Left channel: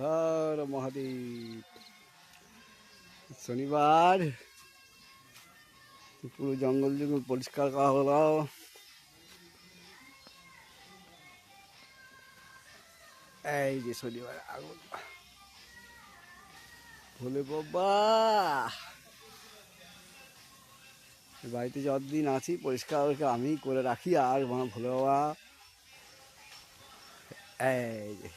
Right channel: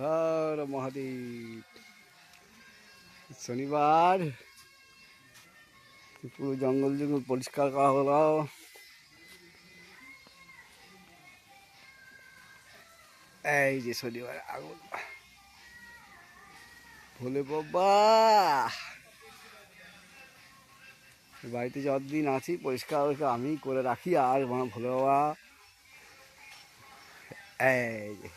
হর মহাদেব। শনিবার পুরো জঙ্গল জঙ্গল পরিষ্কার করা হলো। এই যে শনিবার আগুন ভোলে বাবা বাড়িতে যতদিন আসি পরিষ্কার আমি করে রাখি। আর ভোলে বাবা এই যে